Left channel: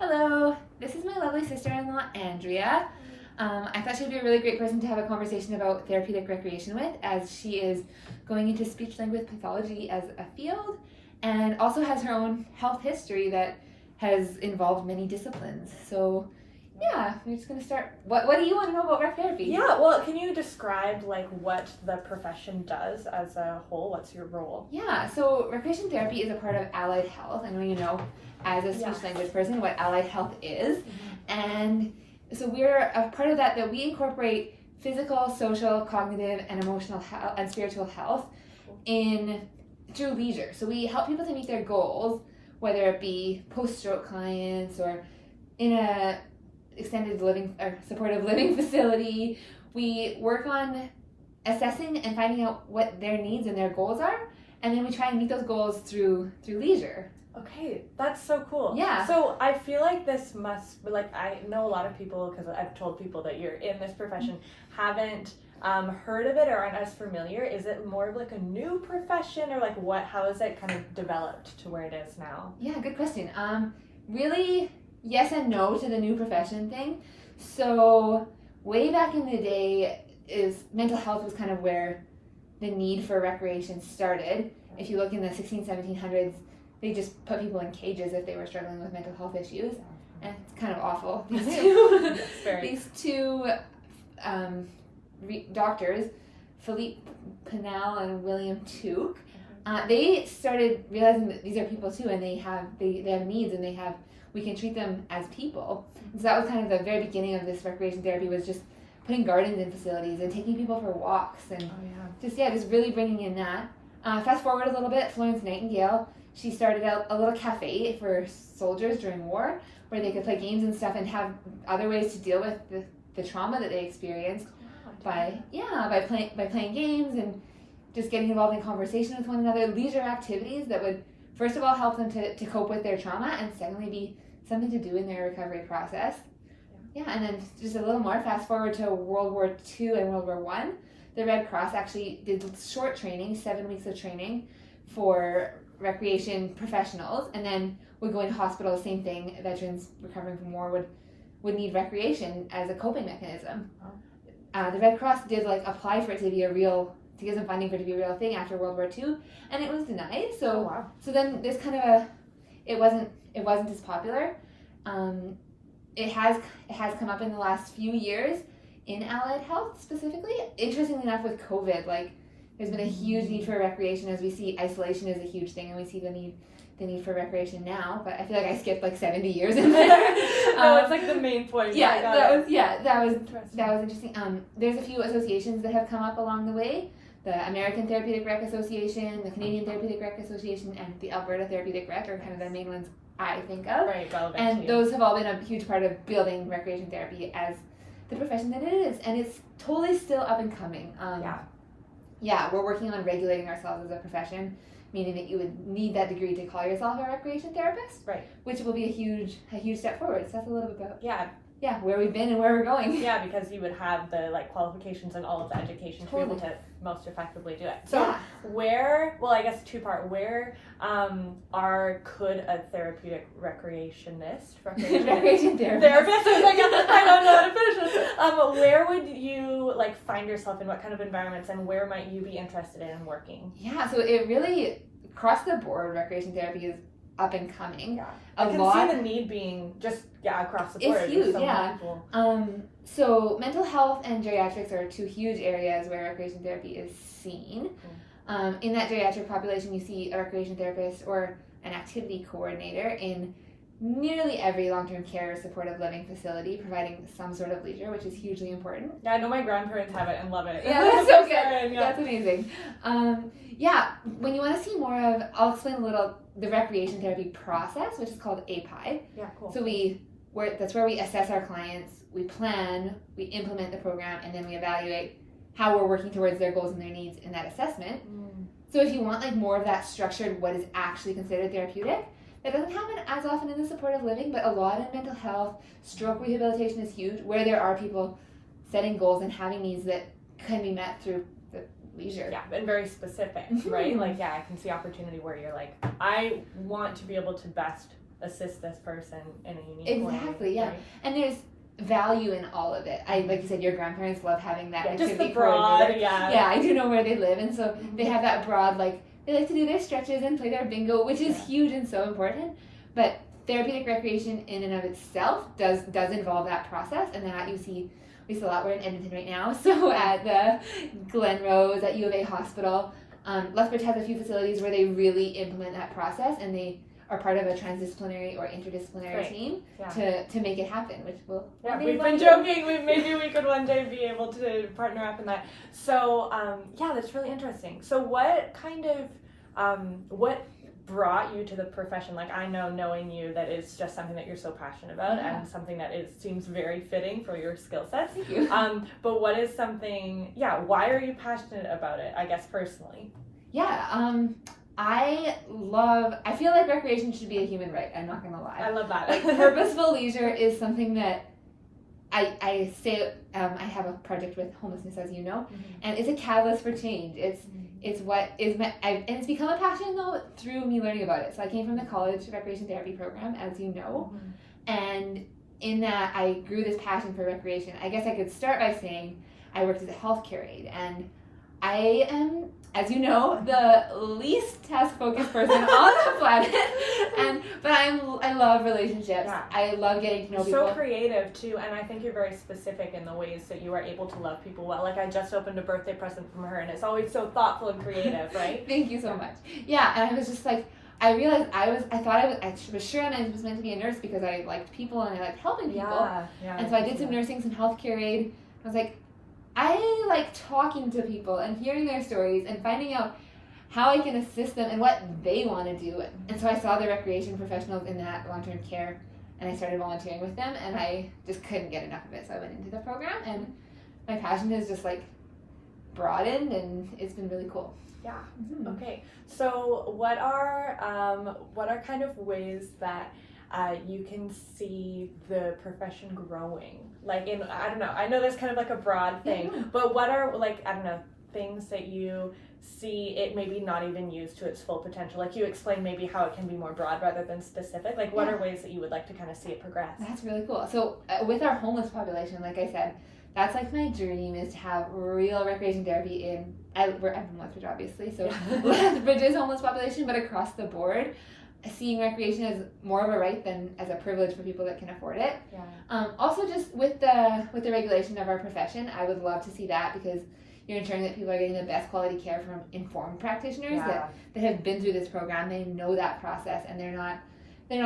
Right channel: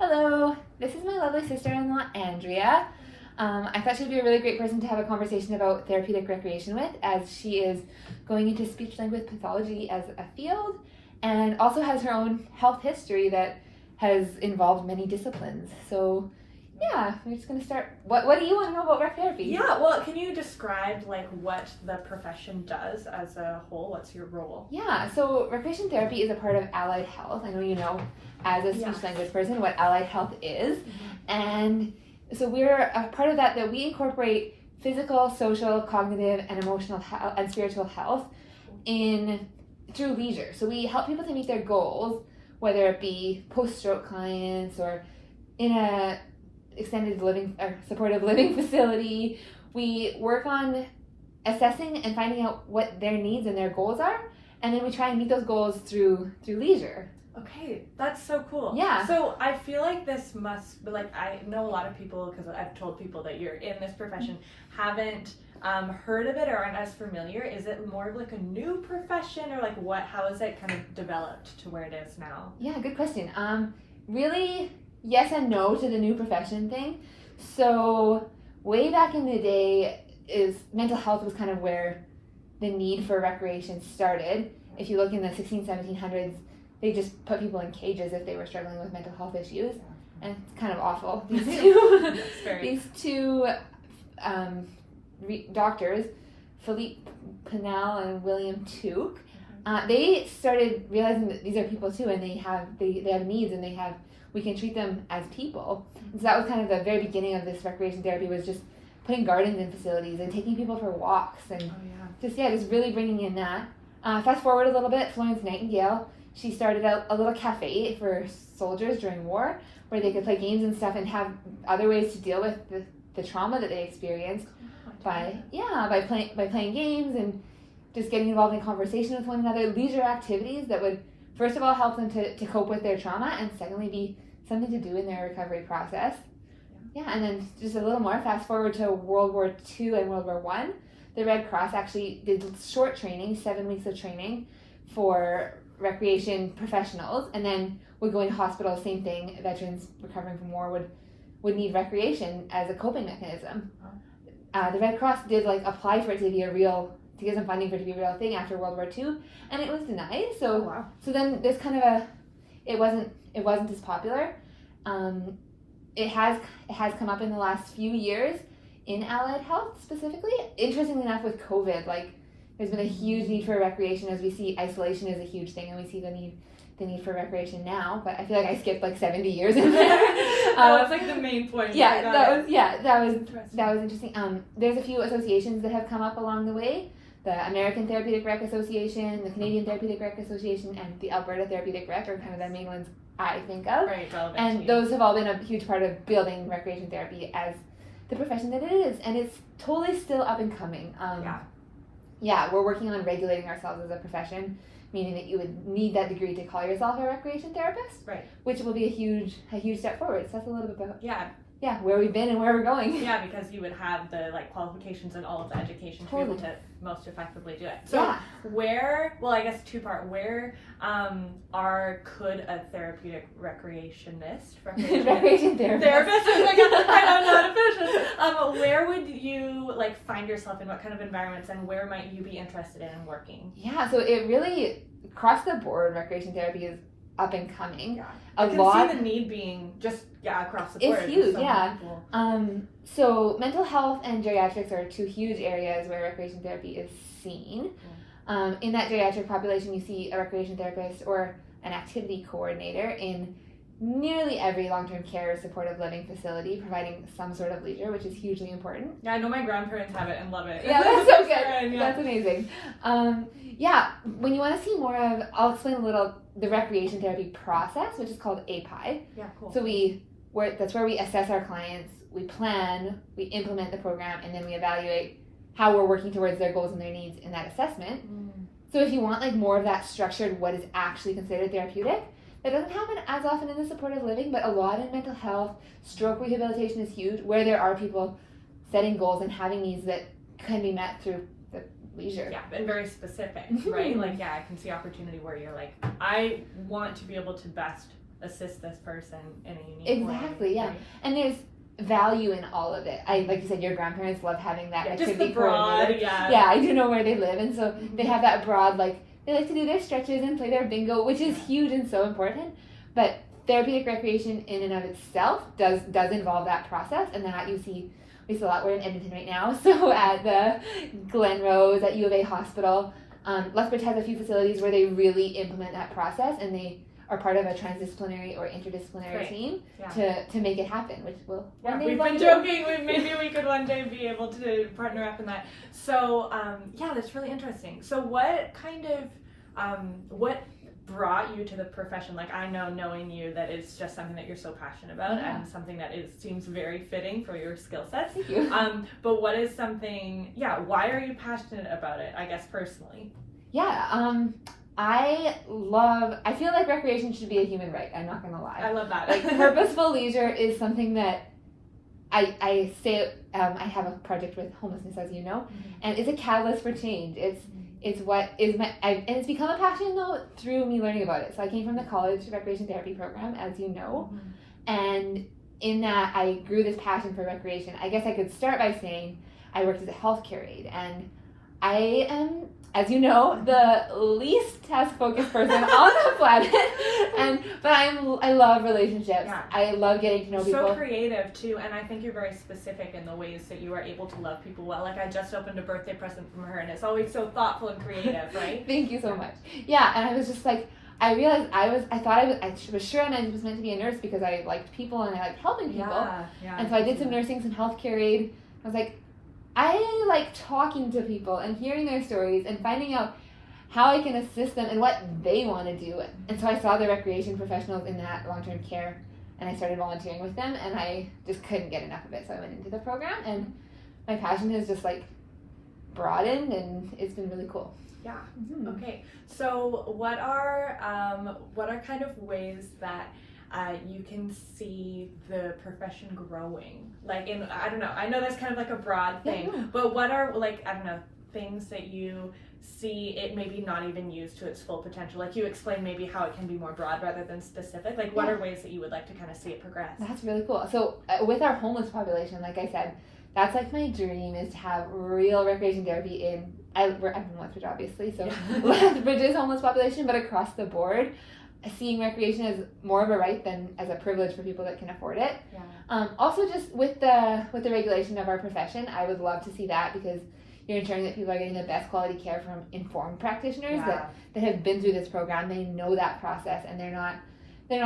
Hello, this is my lovely sister-in-law, Andrea. I thought she'd be a really great person to have a conversation about therapeutic recreation with, as she is going into speech-language pathology as a field and also has her own health history that has involved many disciplines. So yeah, we're just going to start. What do you want to know about rec therapy? Yeah, well, can you describe what the profession does as a whole? What's your role? Yeah, so recreation therapy is a part of allied health. I know you know, as a speech-language person, what allied health is. And so we're a part of that we incorporate physical, social, cognitive, and emotional health and spiritual health through leisure. So we help people to meet their goals, whether it be post-stroke clients or in a extended living or supportive living facility. We work on assessing and finding out what their needs and their goals are, and then we try and meet those goals through leisure. Okay, that's so cool. Yeah. So I feel like this must be I know a lot of people, because I've told people that you're in this profession, haven't heard of it or aren't as familiar. Is it more of a new profession, or how has it kind of developed to where it is now? Yeah, good question. Really, yes and no to the new profession thing. So way back in the day, mental health was kind of where the need for recreation started. If you look in the 1700s, they just put people in cages if they were struggling with mental health issues, and it's kind of awful. These two doctors, Philippe Pinel and William Tuke, they started realizing that these are people too, and they have needs, and we can treat them as people. And so that was kind of the very beginning of this recreation therapy, was just putting gardens in facilities and taking people for walks and just really bringing in that. Fast forward a little bit, Florence Nightingale, she started out a little cafe for soldiers during war where they could play games and stuff and have other ways to deal with the trauma that they experienced by playing games and just getting involved in conversation with one another, leisure activities that would first of all help them to cope with their trauma, and secondly be something to do in their recovery process. And then just a little more, fast forward to World War II and World War I, the Red Cross actually did short training, 7 weeks of training for recreation professionals, and then would go into hospitals, same thing, veterans recovering from war would need recreation as a coping mechanism. The Red Cross did apply for it to get some funding for it to be a real thing after World War II, and it was denied. So then there's kind of it wasn't as popular. It has come up in the last few years in allied health specifically. Interestingly enough, with COVID, there's been a huge need for recreation, as we see isolation is a huge thing, and we see the need for recreation now. But I feel like I skipped 70 years in there. That's the main point. That was interesting. There's a few associations that have come up along the way. The American Therapeutic Rec Association, the Canadian Therapeutic Rec Association, and the Alberta Therapeutic Rec are kind of the main ones I think of. Right, and those have all been a huge part of building recreation therapy as the profession that it is, and it's totally still up and coming. We're working on regulating ourselves as a profession, meaning that you would need that degree to call yourself a recreation therapist, right? Which will be a huge step forward. So that's a little bit about where we've been and where we're going. Yeah, because you would have the qualifications and all of the education to be able to most effectively do it. So I guess two-part, where could a therapeutic recreation therapist, I don't know how to finish this. Where would you find yourself in what kind of environments, and where might you be interested in working? Yeah, so it really, across the board, recreation therapy is up and coming. Yeah. I can see the need being just across the board. It's huge, So mental health and geriatrics are two huge areas where recreation therapy is seen. In that geriatric population, you see a recreation therapist or an activity coordinator in nearly every long-term care supportive living facility, providing some sort of leisure, which is hugely important. Yeah, I know my grandparents have it and love it. Yeah, that's so good. That's amazing. When you want to see more of, I'll explain a little the recreation therapy process, which is called API. Yeah, cool. So that's where we assess our clients, we plan, we implement the program, and then we evaluate how we're working towards their goals and their needs in that assessment. So if you want more of that structured, what is actually considered therapeutic, that doesn't happen as often in the supportive living, but a lot in mental health. Stroke rehabilitation is huge, where there are people setting goals and having needs that can be met through the leisure. Yeah, and very specific, right? I can see opportunity where you're I want to be able to best assist this person in a unique way. Exactly, yeah. Right? And there's value in all of it. Like you said, your grandparents love having that activity just the broad, coordinator. yeah, I do know where they live, and so they have that broad, like, they like to do their stretches and play their bingo, which is huge and so important. But therapeutic recreation in and of itself does involve that process, and that we see a lot. We're in Edmonton right now, so at the Glen Rose, at U of A Hospital, Lethbridge has a few facilities where they really implement that process, and they are part of a transdisciplinary or interdisciplinary team to make it happen, which will we've been joking, maybe we could one day be able to partner up in that. So that's really interesting. So what kind of what brought you to the profession? Like, I know, knowing you, that it's just something that you're so passionate about and something that seems very fitting for your skill sets. Thank you. But what is something, why are you passionate about it, I guess, personally? I feel like recreation should be a human right. I'm not gonna lie. I love that. Like, purposeful leisure is something that I say. I have a project with homelessness, as you know, and it's a catalyst for change. It's what is and it's become a passion though through me learning about it. So I came from the college recreation therapy program, as you know, and in that I grew this passion for recreation. I guess I could start by saying I worked as a healthcare aide, and I am, as you know, the least task-focused person on the planet, but I love relationships. Yeah. I love getting to know people. So creative too, and I think you're very specific in the ways that you are able to love people well. Like, I just opened a birthday present from her, and it's always so thoughtful and creative, right? Thank you so much. Yeah, and I was just like, I realized I was sure I was meant to be a nurse because I liked people and I liked helping people. And so I did some nursing, some healthcare aid. I was like, I like talking to people and hearing their stories and finding out how I can assist them and what they want to do. And so I saw the recreation professionals in that long-term care, and I started volunteering with them, and I just couldn't get enough of it. So I went into the program, and my passion has just like broadened, and it's been really cool. Yeah. Okay. So what are kind of ways that you can see the profession growing? Like, I don't know, I know that's kind of like a broad thing, but what are, like, I don't know, things that you see it maybe not even used to its full potential? Like, you explain maybe how it can be more broad rather than specific. Like, what are ways that you would like to kind of see it progress? That's really cool. So with our homeless population, like I said, that's like my dream, is to have real recreation therapy I'm in Lethbridge, obviously, so Lethbridge's homeless population, but across the board, seeing recreation as more of a right than as a privilege for people that can afford it. Also, just with the regulation of our profession, I would love to see that, because you're ensuring that people are getting the best quality care from informed practitioners that have been through this program. They know that process, and they're not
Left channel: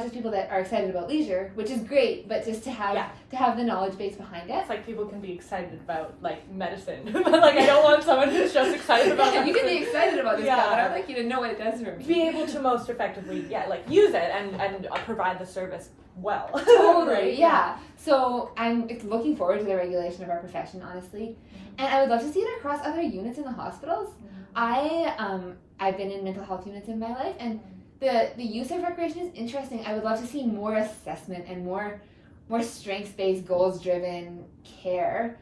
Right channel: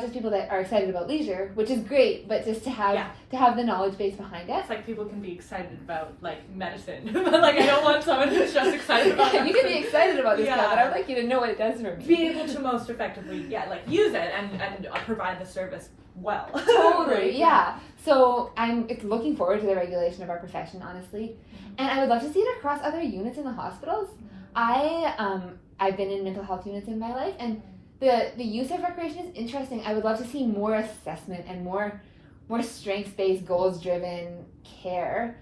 just people that are excited about leisure, which is great, but just to have the knowledge base behind it. It's like people can be excited about, like, medicine, but, like, I don't want someone who's just excited about medicine. You can be excited about this stuff, but I would like you to know what it does for me. Be able to most effectively, use it and provide the service well. Totally, yeah. So I'm looking forward to the regulation of our profession, honestly. And I would love to see it across other units in the hospitals. I've been in mental health units in my life, and the use of recreation is interesting. I would love to see more assessment and more strengths-based, goals-driven care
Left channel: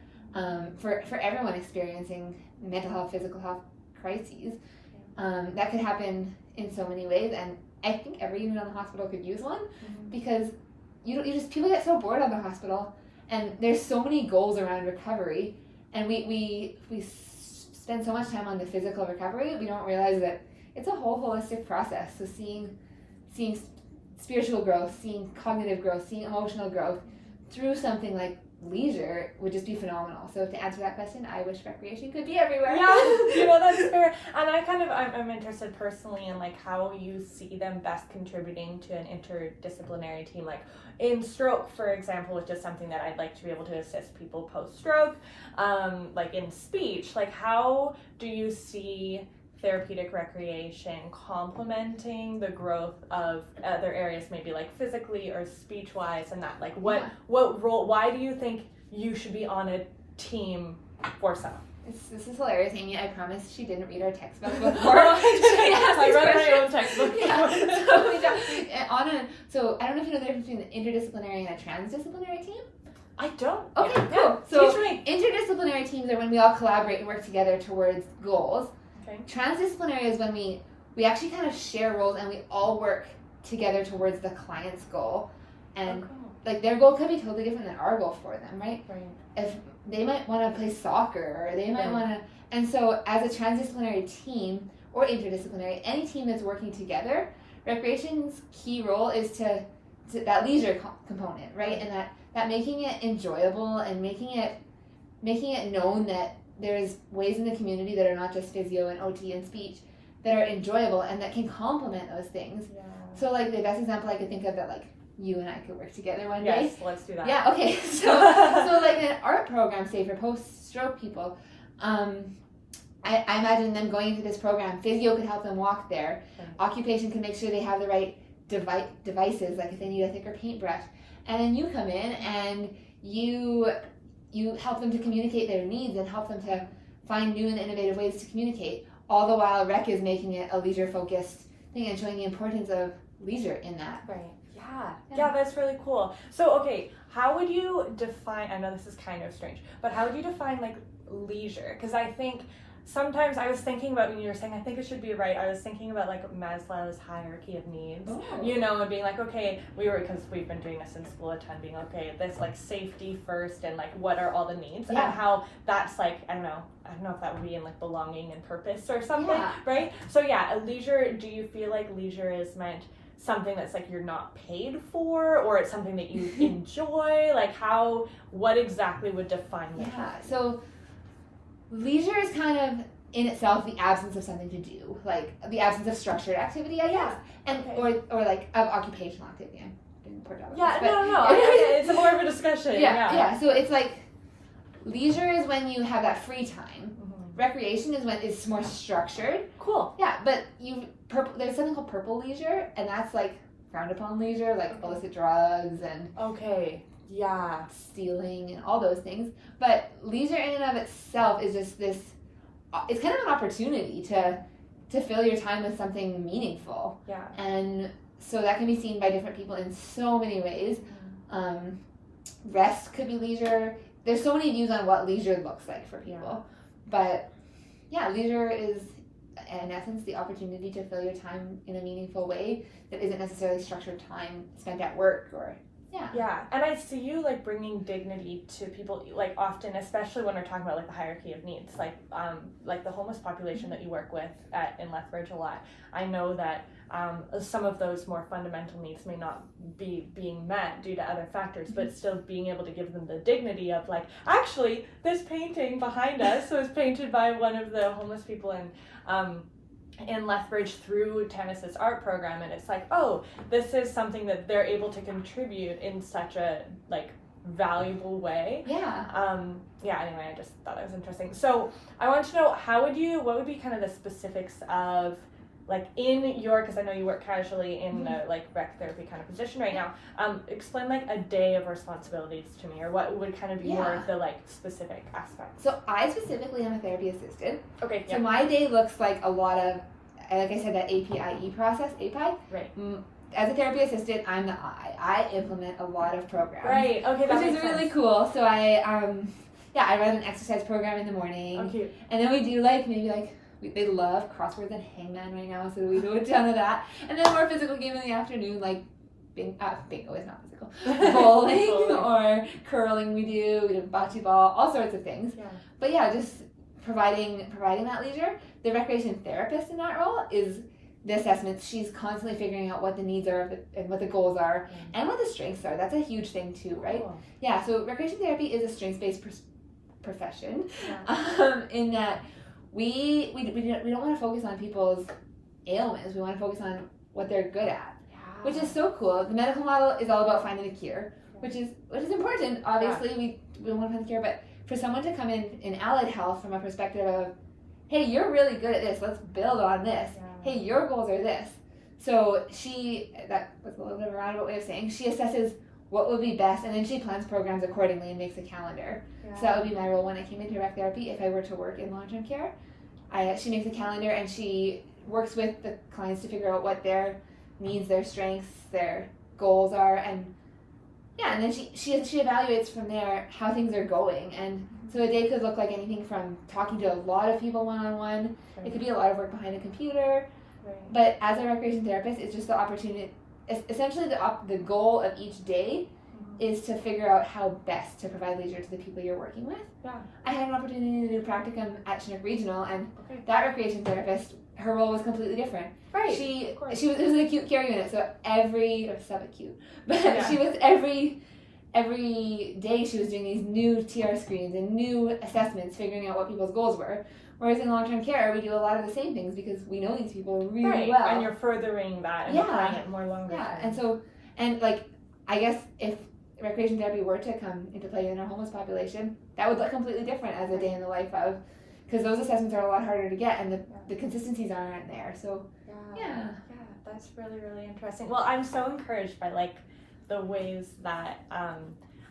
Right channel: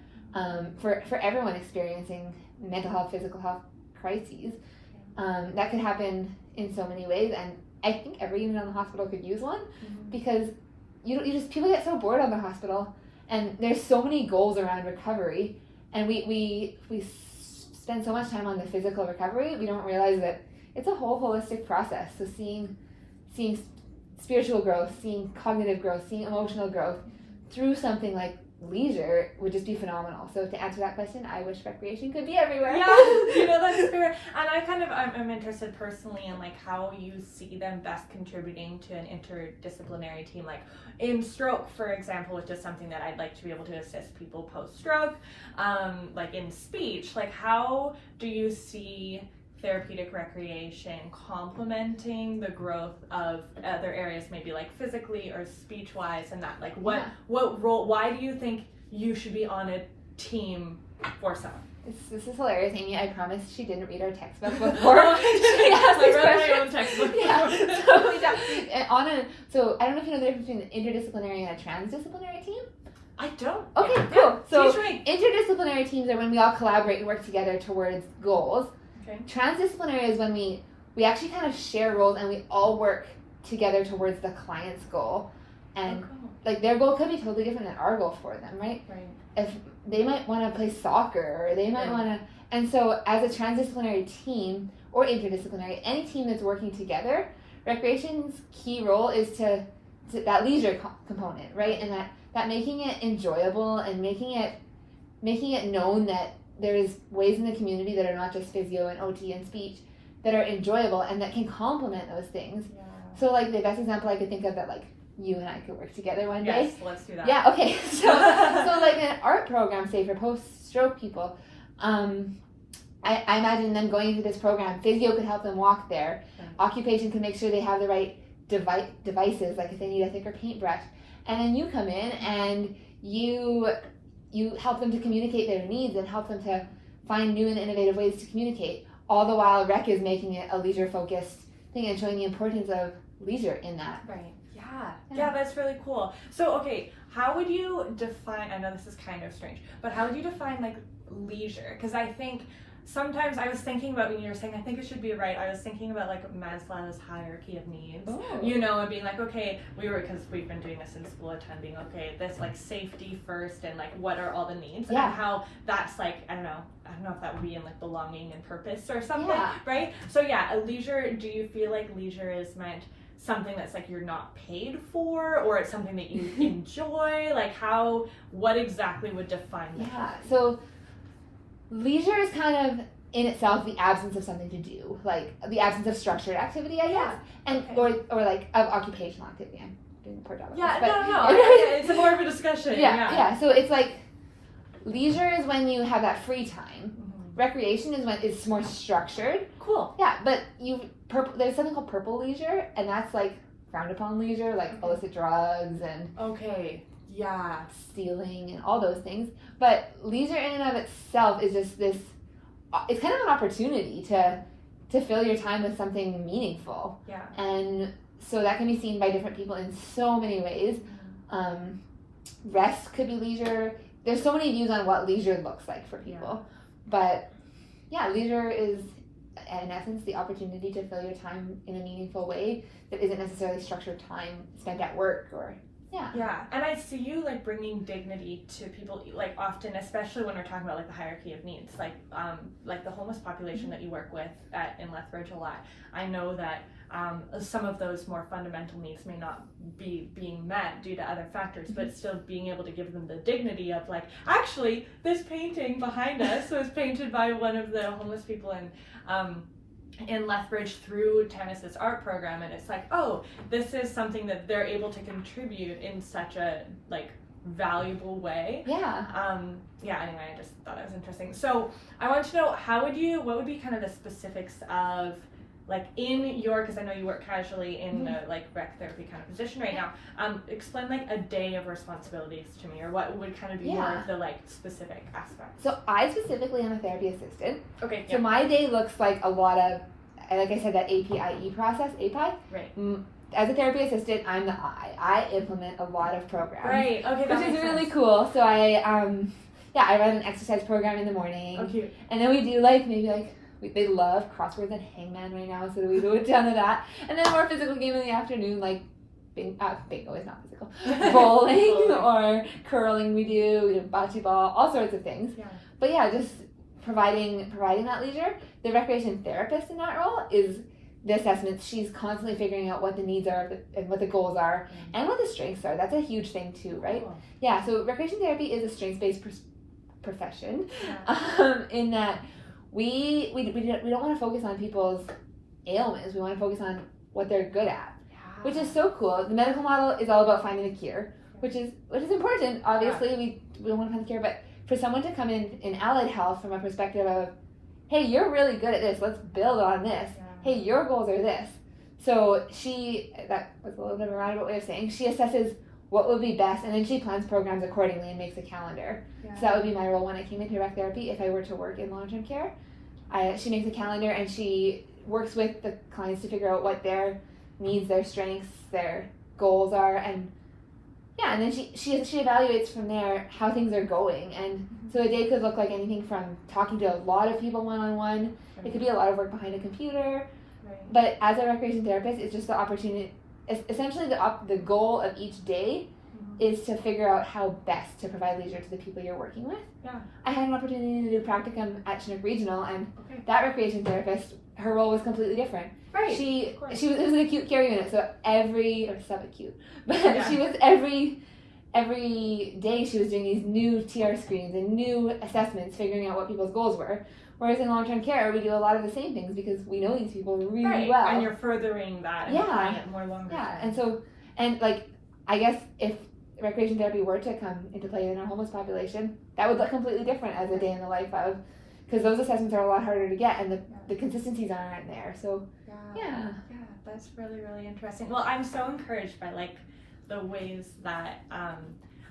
for everyone experiencing mental health, physical health crises. That could happen in so many ways, and I think every unit in the hospital could use one, because people get so bored on the hospital, and there's so many goals around recovery, and we spend so much time on the physical recovery, we don't realize that it's a whole holistic process. So seeing spiritual growth, seeing cognitive growth, seeing emotional growth through something like leisure would just be phenomenal. So to answer that question, I wish recreation could be everywhere. Yeah, that's fair. And I'm interested personally in, like, how you see them best contributing to an interdisciplinary team. Like, in stroke, for example, which is something that I'd like to be able to assist people post-stroke. Like, in speech, like, how do you see therapeutic recreation complementing the growth of other areas, maybe like physically or speech-wise, and that, like, what role, why do you think you should be on a team for someone? This is hilarious, Amy. I promise she didn't read our textbook before she asked this question. My own textbook. So I don't know if you know the difference between an interdisciplinary and a transdisciplinary team. I don't. Okay, cool. So interdisciplinary teams are when we all collaborate and work together towards goals. Okay. Transdisciplinary is when we actually kind of share roles and we all work together towards the client's goal. And cool. like their goal could be totally different than our goal for them, right? Right. If they might want to play soccer, or they might want to, and so as a transdisciplinary team or interdisciplinary, any team that's working together, recreation's key role is to that leisure component, right? And that making it enjoyable and making it known that there's ways in the community that are not just physio and OT and speech that are enjoyable and that can complement those things. Yeah. So like the best example I could think of that like you and I could work together one day. Yes, let's do that. Yeah, okay. So like an art program, say for post-stroke people, I imagine them going into this program. Physio could help them walk there. Right. Occupation can make sure they have the right devices, like if they need a thicker paintbrush. And then you come in and you help them to communicate their needs and help them to find new and innovative ways to communicate. All the while, REC is making it a leisure-focused thing and showing the importance of leisure in that. Right. Yeah, that's really cool. So, okay, how would you define, I know this is kind of strange, but how would you define like leisure? Because I think sometimes I was thinking about when you were saying, I think it should be right, I was thinking about like Maslow's hierarchy of needs, you know, and being like, okay, because we've been doing this in school attending, okay, this like safety first and like what are all the needs and how that's like, I don't know if that would be in like belonging and purpose or something, right? So yeah, a leisure, do you feel like leisure is meant something that's like you're not paid for, or it's something that you enjoy? Like what exactly would define that? Yeah, so leisure is kind of in itself the absence of something to do, like the absence of structured activity, I guess, and or like of occupational activity. I'm doing a poor job of this, but no, it's more of a discussion. Yeah. So it's like leisure is when you have that free time. Recreation is when it's more structured. Cool. Yeah, but there's something called purple leisure, and that's like frowned upon leisure, like illicit drugs and stealing and all those things. But leisure in and of itself is just this. It's kind of an opportunity to fill your time with something meaningful. Yeah. And so that can be seen by different people in so many ways. Rest could be leisure. There's so many views on what leisure looks like for people. Yeah. But yeah, leisure is in essence the opportunity to fill your time in a meaningful way that isn't necessarily structured time spent at work or Yeah, and I see you like bringing dignity to people, like often, especially when we're talking about like the hierarchy of needs, like the homeless population that you work with in Lethbridge a lot. I know that some of those more fundamental needs may not be being met due to other factors, but still being able to give them the dignity of like, actually, this painting behind us was painted by one of the homeless people in Lethbridge through Tannis's art program, and it's like, oh, this is something that they're able to contribute in such a like valuable way. Anyway, I just thought it was interesting. So I want to know, what would be kind of the specifics of like in your, because I know you work casually in the like rec therapy kind of position right now, explain like a day of responsibilities to me, or what would kind of be more of the like specific aspects. So I specifically am a therapy assistant. Okay. So my day looks like a lot of, like I said, that APIE process, API. Right. As a therapy assistant, I'm the I implement a lot of programs. Right. Okay. Which is really cool. So I run an exercise program in the morning. Oh, cute. And then we do they love crosswords and hangman right now, so we do a ton of that. And then more physical game in the afternoon, like bingo is not physical. Bowling or curling we do bocce ball, all sorts of things. Yeah. But yeah, just providing that leisure. The recreation therapist in that role is the assessments. She's constantly figuring out what the needs are and what the goals are and what the strengths are. That's a huge thing too, right? Cool. Yeah, so recreation therapy is a strengths-based profession in that we don't want to focus on people's ailments. We want to focus on what they're good at, which is so cool. The medical model is all about finding the cure, which is important. Obviously, we don't want to find the cure, but for someone to come in allied health from a perspective of, hey, you're really good at this. Let's build on this. Yeah. Hey, your goals are this. So that was a little bit of a roundabout way of saying, she assesses what would be best, and then she plans programs accordingly and makes a calendar. Yeah. So that would be my role when I came into rec therapy if I were to work in long-term care. She makes a calendar and she works with the clients to figure out what their needs, their strengths, their goals are, and then she evaluates from there how things are going. And so a day could look like anything from talking to a lot of people one-on-one. Right. It could be a lot of work behind a computer. Right. But as a recreation therapist, it's just the opportunity essentially the goal of each day is to figure out how best to provide leisure to the people you're working with. Yeah. I had an opportunity to do practicum at Chinook Regional, and Okay. that recreation therapist, her role was completely different. Right. It was an acute care unit, so or subacute, but Yeah. she was every day she was doing these new TR screens and new assessments, figuring out what people's goals were. Whereas in long-term care, we do a lot of the same things because we know these people really well. And you're furthering that and applying it more longer term. And I guess if recreation therapy were to come into play in our homeless population, that would look completely different as a day in the life of, because those assessments are a lot harder to get and the consistencies aren't there. So yeah, that's really, really interesting. Well, I'm so encouraged by like the ways that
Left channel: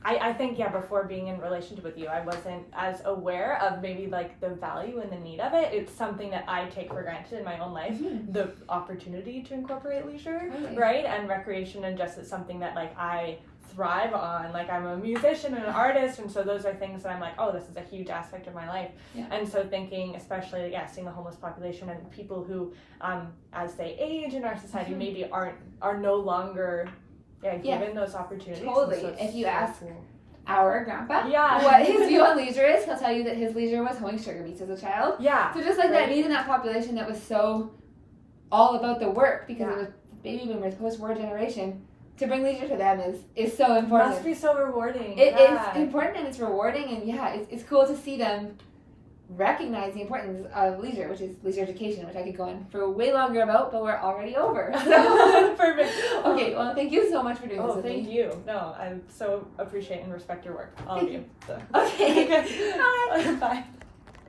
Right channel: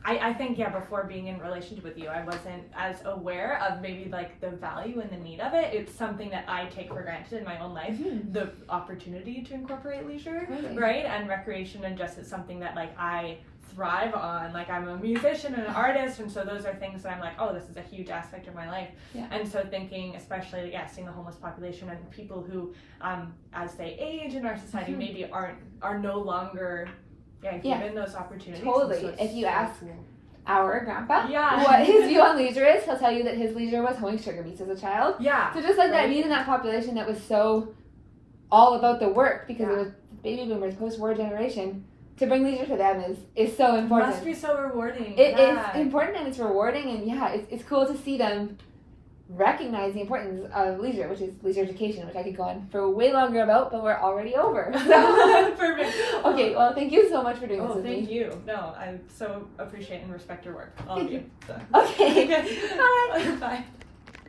I think before being in relationship with you, I wasn't as aware of maybe like the value and the need of it. It's something that I take for granted in my own life, the opportunity to incorporate leisure, right? And recreation, and just it's something that like I thrive on. Like I'm a musician and an artist, and so those are things that I'm like, oh, this is a huge aspect of my life. And so thinking, especially seeing the homeless population and people who as they age in our society maybe are no longer given those opportunities. Totally. So if you ask cool. our grandpa what his view on leisure is, he'll tell you that his leisure was hoeing sugar beets as a child. So just like that need in that population that was so all about the work, because it was baby boomers, post-war generation, to bring leisure to them is so important. It must be so rewarding. It's important and it's rewarding, and it's cool to see them recognize the importance of leisure, which is leisure education, which I could go on for way longer about, but we're already over. So perfect. Okay, well, thank you so much for doing this with me. Thank you. No, I so appreciate and respect your work, all of you. So. Okay. Bye. Bye.